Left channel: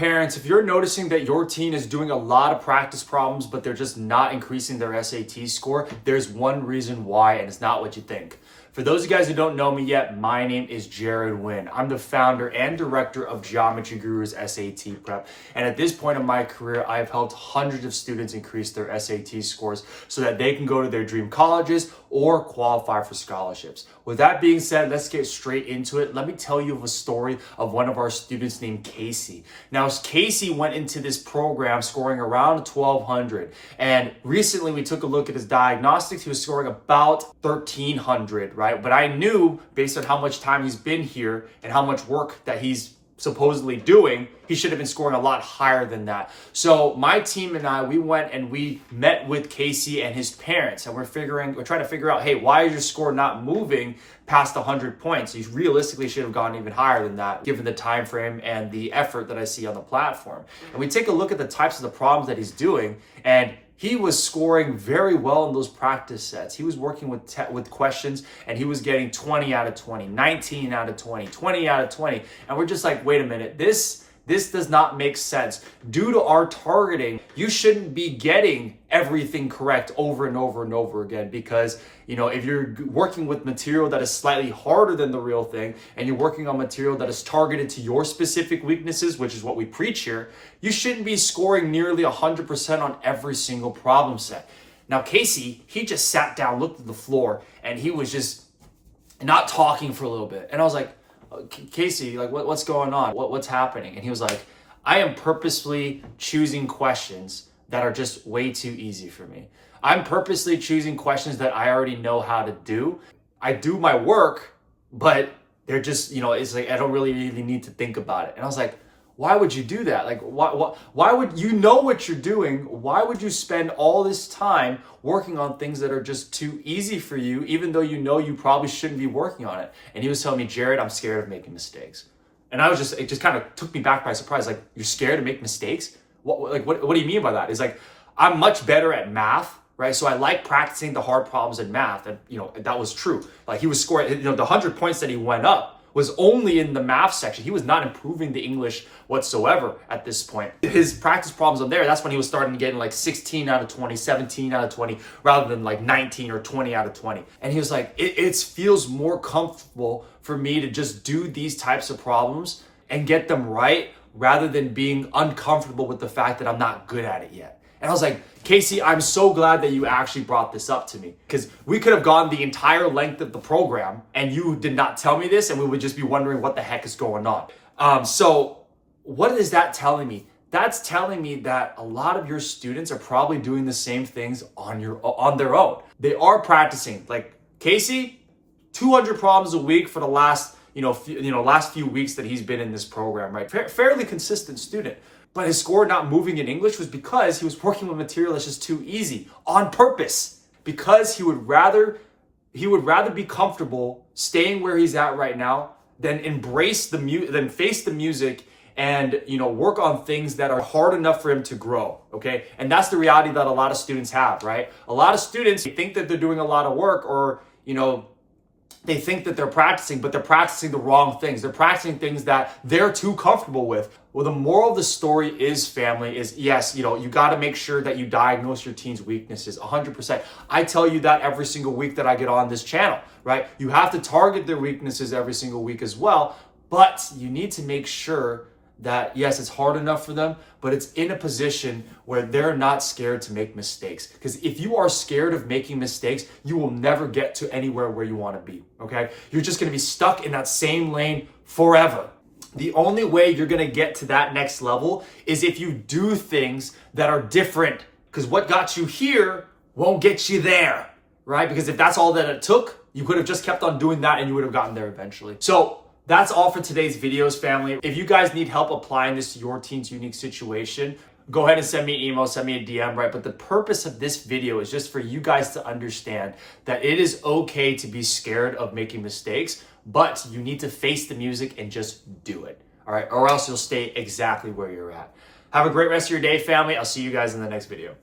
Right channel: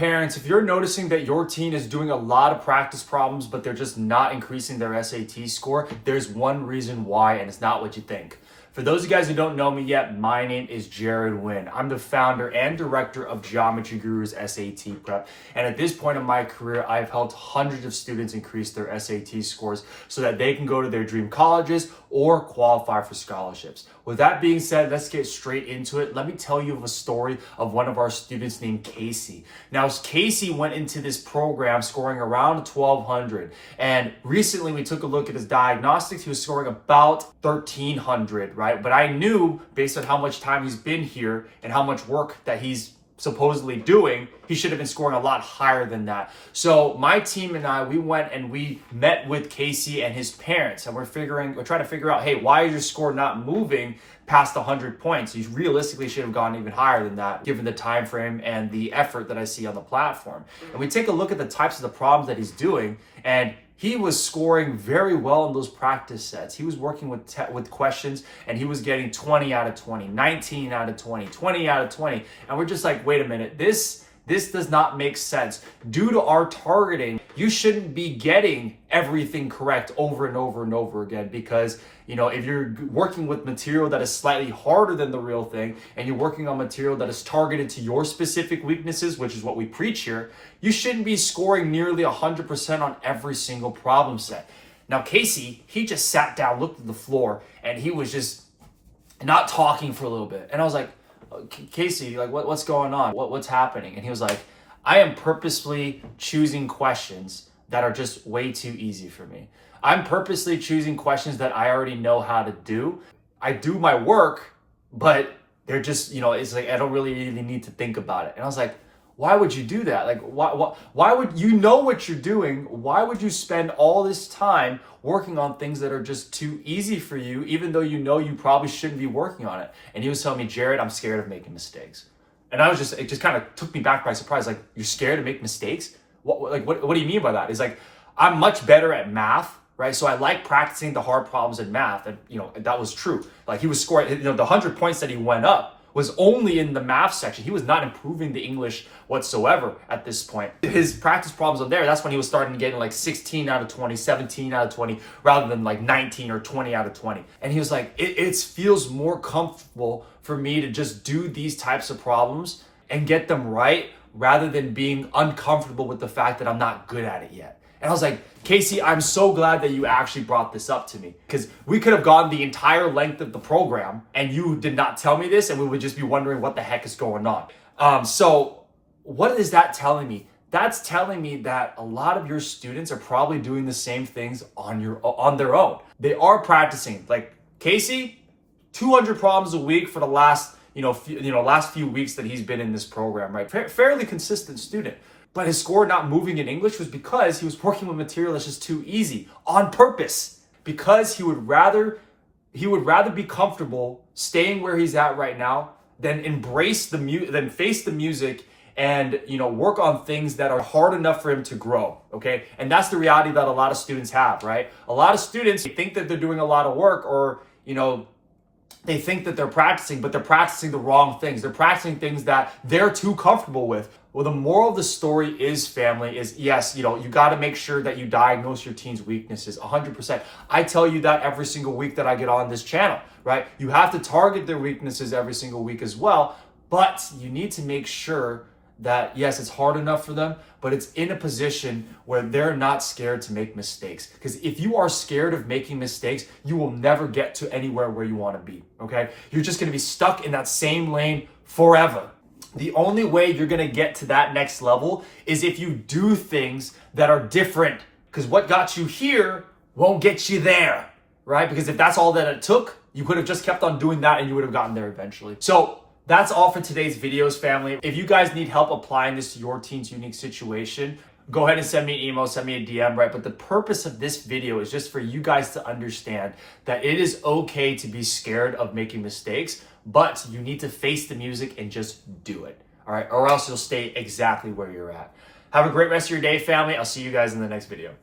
Parents, if you're noticing that your teen is doing a lot of practice problems, but they're just not increasing their SAT score, there's one reason why, and it's not what you think. For those of you guys who don't know me yet, my name is Jared Wynn. I'm the founder and director of Geometry Guru's SAT Prep. And at this point in my career, I've helped hundreds of students increase their SAT scores so that they can go to their dream colleges or qualify for scholarships. With that being said, let's get straight into it. Let me tell you of a story of one of our students named Casey. Now, Casey went into this program scoring around 1,200. And recently we took a look at his diagnostics. He was scoring about 1,300, right? But I knew based on how much time he's been here and how much work that he's supposedly doing, he should have been scoring a lot higher than that. So my team and I, we went and we met with Casey and his parents, and we're trying to figure out, hey, why is your score not moving past 100 points? You realistically should have gone even higher than that, given the time frame and the effort that I see on the platform. And we take a look at the types of the problems that he's doing, and he was scoring very well in those practice sets. He was working with questions, and he was getting 20 out of 20, 19 out of 20, 20 out of 20. And we're just like, wait a minute, this does not make sense. Due to our targeting, you shouldn't be getting everything correct over and over and over again, because if you're working with material that is slightly harder than the real thing, and you're working on material that is targeted to your specific weaknesses, which is what we preach here, you shouldn't be scoring nearly 100% on every single problem set. Now, Casey, he just sat down, looked at the floor, and he was just not talking for a little bit. And I was like, Casey, like what's going on? What's happening? And he was like, I am purposely choosing questions that are just way too easy for me. I'm purposely choosing questions that I already know how to do. I do my work, but they're just, it's like I don't really need to think about it. And I was like, why would you do that? Like, why would you know what you're doing? Why would you spend all this time working on things that are just too easy for you, even though you probably shouldn't be working on it? And he was telling me, Jared, I'm scared of making mistakes. And it just kind of took me back by surprise. Like, you're scared to make mistakes? What do you mean by that? It's like, I'm much better at math, right? So I like practicing the hard problems in math. And, that was true. Like, he was scoring, the 100 points that he went up was only in the math section. He was not improving the English whatsoever at this point. His practice problems on there, that's when he was starting to get like 16 out of 20, 17 out of 20, rather than like 19 or 20 out of 20. And he was like, it feels more comfortable for me to just do these types of problems and get them right, rather than being uncomfortable with the fact that I'm not good at it yet. And I was like, Casey, I'm so glad that you actually brought this up to me, because we could have gone the entire length of the program and you did not tell me this, and we would just be wondering what the heck is going on. So what is that telling me? That's telling me that a lot of your students are probably doing the same things on their own. They are practicing. Like Casey, 200 problems a week for the last few weeks that he's been in this program, right? Fairly consistent student. But his score not moving in English was because he was working with material that's just too easy on purpose, because he would rather be comfortable staying where he's at right now than face the music and work on things that are hard enough for him to grow. Okay. And that's the reality that a lot of students have, right? A lot of students think that they're doing a lot of work, or they think that they're practicing, but they're practicing the wrong things. They're practicing things that they're too comfortable with. Well, the moral of the story is, family, is yes, you got to make sure that you diagnose your teen's weaknesses 100%. I tell you that every single week that I get on this channel, right? You have to target their weaknesses every single week as well, but you need to make sure that, yes, it's hard enough for them, but it's in a position where they're not scared to make mistakes. Because if you are scared of making mistakes, you will never get to anywhere where you want to be, okay? You're just going to be stuck in that same lane forever. The only way you're going to get to that next level is if you do things that are different, because what got you here won't get you there, right? Because if that's all that it took, you could have just kept on doing that and you would have gotten there eventually. So that's all for today's videos, family. If you guys need help applying this to your teen's unique situation, go ahead and send me an email, send me a DM, right? But the purpose of this video is just for you guys to understand that it is okay to be scared of making mistakes, but you need to face the music and just do it, all right? Or else you'll stay exactly where you're at. Have a great rest of your day, family. I'll see you guys in the next video.